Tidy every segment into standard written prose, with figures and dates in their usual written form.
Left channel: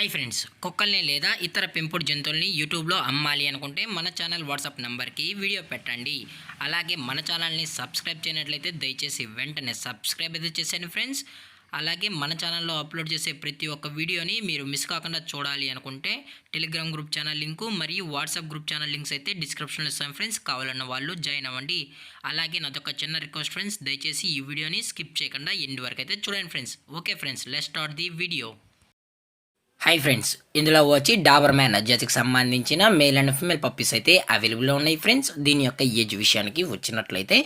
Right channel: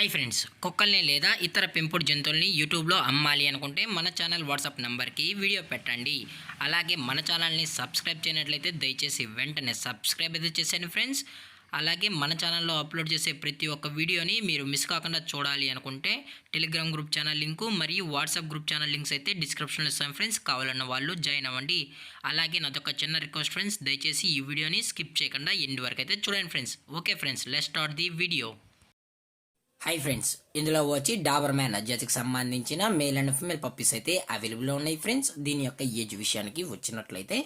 Hi friends, కుక్కల్ని లేదా ఇతర పెంపుడు జంతువుల్ని యూట్యూబ్లో అమ్మాలి అనుకుంటే మన ఛానల్ వాట్సాప్ నెంబర్కి వీడియో పెట్టండి. అలాగే మన ఛానల్ని సబ్స్క్రైబ్ చేయనట్లయితే దయచేసి వెంటనే సబ్స్క్రైబ్ అయితే చేసేయండి ఫ్రెండ్స్. అలాగే మన ఛానల్లో అప్లోడ్ చేసే ప్రతి ఒక్క వీడియోని మీరు మిస్ కాకుండా చూడాలి అనుకుంటే టెలిగ్రామ్ గ్రూప్ ఛానల్ లింకు మరియు వాట్సాప్ గ్రూప్ ఛానల్ లింక్స్ అయితే డిస్క్రిప్షన్లో ఇస్తాను ఫ్రెండ్స్. కావాలన్న వాళ్ళు జాయిన్ అవ్వండి. అలాగే నాదొక చిన్న రిక్వెస్ట్ ఫ్రెండ్స్, దయచేసి ఈ వీడియోని స్కిప్ చేయకుండా ఎండ్ వరకు అయితే చూడండి friends. Okay friends, let's start the video. Hi friends, ఇందులో వచ్చి డాబర్ మ్యాన్ జాతికి సంబంధించిన మేల్ అండ్ ఫిమేల్ పప్పీస్ అయితే అవైలబుల్లో ఉన్నాయి ఫ్రెండ్స్. దీని యొక్క ఏజ్ విషయానికి వచ్చినట్లయితే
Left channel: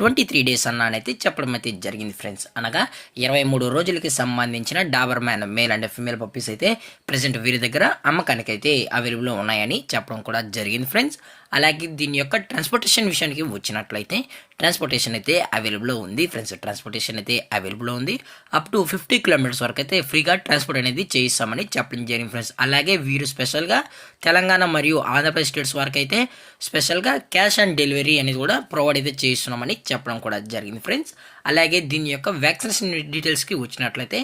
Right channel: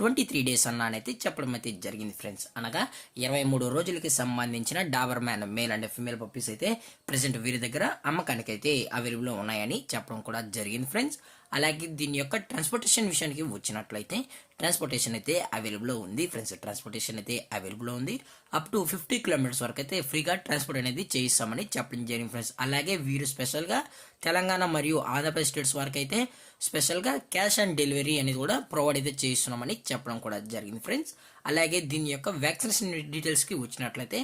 23 డేస్ అన్నానైతే చెప్పడం అయితే జరిగింది ఫ్రెండ్స్. అనగా 23 రోజులకి సంబంధించిన Dabur man male and female puppies అయితే ప్రజెంట్ వీరి దగ్గర అమ్మకానికి అయితే అవైలబుల్లో ఉన్నాయని చెప్పడం కూడా జరిగింది ఫ్రెండ్స్. అలాగే దీని యొక్క ట్రాన్స్పోర్టేషన్ విషయానికి వచ్చినట్లయితే ట్రాన్స్పోర్టేషన్ అయితే అవైలబుల్లో ఉంది ఫ్రెండ్స్. ట్రాన్స్పోర్టేషన్ అయితే అవైలబుల్లో ఉంది. అప్ టు 50 కిలోమీటర్స్ వరకు అయితే ఫ్రీగా ట్రాన్స్పోర్ట్ అనేది చేయిస్తామని చెప్పడం జరిగింది ఫ్రెండ్స్. అలాగే వీరు స్పెషల్గా తెలంగాణ మరియు ఆంధ్రప్రదేశ్ స్టేట్స్ వరకు అయితే స్పెషల్గా క్యాష్ ఆన్ డెలివరీ అనేది కూడా ప్రొవైడ్ అయితే చేస్తున్నామని చెప్పడం కూడా జరిగింది ఫ్రెండ్స్. అలాగే దీని యొక్క వ్యాక్సినేషన్ డీటెయిల్స్కి వచ్చినట్లయితే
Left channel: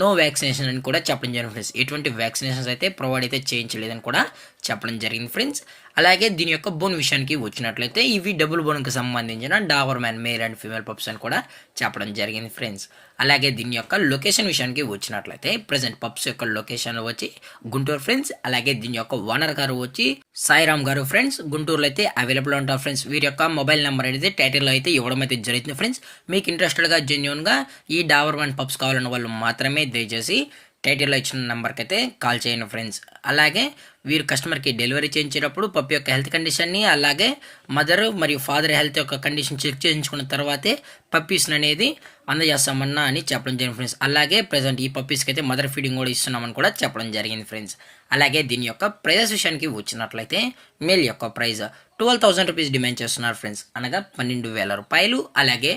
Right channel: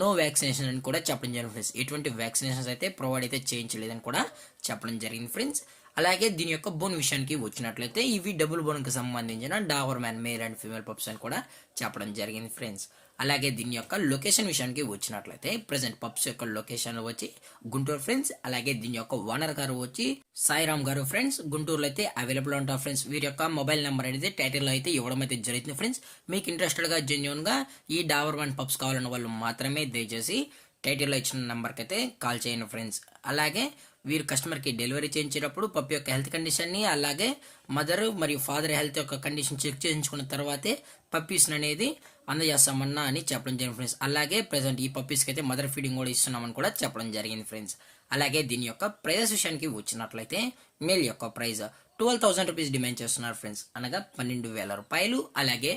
నో వ్యాక్సినేషన్ అని కూడా చెప్పడం జరిగింది ఫ్రెండ్స్. ఎటువంటి వ్యాక్సినేషన్స్ అయితే ప్రొవైడ్ అయితే చేయించలేదని కూడా చెప్పడం జరిగింది ఫ్రెండ్స్. అలాగే దీని యొక్క బోన్ విషయానికి వచ్చినట్లయితే ఇవి డబుల్ బోన్కి సంబంధించిన Dabur man male and female pups అని కూడా చెప్పడం జరిగింది ఫ్రెండ్స్. అలాగే దీని యొక్క లొకేషన్ విషయానికి వచ్చినట్లయితే ప్రజెంట్ పప్స్ యొక్క లొకేషన్ వచ్చి గుంటూరు ఫ్రెండ్స్. అలాగే దీని యొక్క ఓనర్ గారు వచ్చి సాయిరామ్ గారు ఫ్రెండ్స్. గుంటూరులో అయితే అవైలబుల్ ఉంటారు ఫ్రెండ్స్. వీరి యొక్క మొబైల్ నెంబర్ అయితే టైటిల్లో అయితే ఇవ్వడం అయితే జరుగుతుంది ఫ్రెండ్స్. మీకు ఇంట్రెస్టెడ్గా జెన్యున్గా ఈ డాబర్ మ్యాన్ పప్స్ కావాలన్న వాళ్ళు మాత్రమే దయచేసి టైటిల్లో ఇచ్చిన నెంబర్కి అయితే కాల్ చేయండి ఫ్రెండ్స్. అలాగే వీరు కస్టమర్కి డెలివరీ చేయించేటప్పుడు పప్పి యొక్క హెల్త్ కండిషన్ని అలాగే మదర్ మరియు ఫాదర్ హెల్త్ యొక్క కండిషన్ చెక్ చేయించుకున్న తర్వాతే పప్పీస్ అనేది అందజేస్తామన్నా అని చెప్పడం జరిగింది ఫ్రెండ్స్. అలాగే ప్రజెంట్ ఈ పప్పీస్కి అయితే మదర్ ఫీడింగ్ కూడా ఇస్తున్నామని కూడా చెప్పడం జరిగింది ఫ్రెండ్స్. అలాగే దీని యొక్క ప్రైజెస్ విషయానికి వచ్చినట్లయితే మేల్ యొక్క ప్రైజ్ 12,000 రూపీస్ డిమాండ్ చేస్తున్నారు ఫ్రెండ్స్, అనగా 12,000 రూపాయలు. అలాగే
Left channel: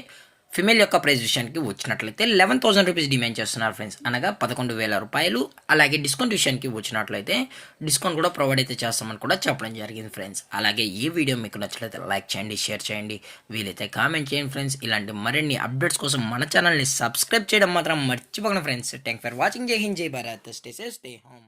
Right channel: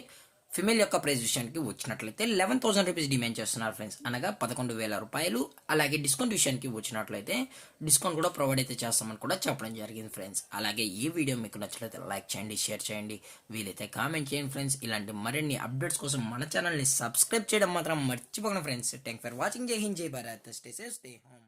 ఫిమేల్ యొక్క ప్రైస్ విషయానికి వచ్చినట్లయితే 11,000 రూపీస్ డిమాండ్ చేస్తున్నారు ఫ్రెండ్స్, అనగా 11,000 రూపాయలు. అలాగే డిస్కౌంట్ విషయానికి వచ్చినట్లయితే డిస్కౌంట్ కూడా ప్రొవైడ్ అయితే చేస్తామని కూడా చెప్పడం జరిగింది ఫ్రెండ్స్. అలాగే ఈ వీడియో మీకు నచ్చినట్లయితే లైక్ చేయండి, షేర్ చేయండి, వీలైతే కామెంట్ చేయండి ఫ్రెండ్స్. ఇలాంటి మరిన్ని అప్డేట్స్ కోసం మన ఛానల్ని సబ్స్క్రైబ్ చేయడం మాత్రం మర్చిపోకండి ఫ్రెండ్స్. Thank for watching. జై హింద్, జై Bharat, stay safe, stay home.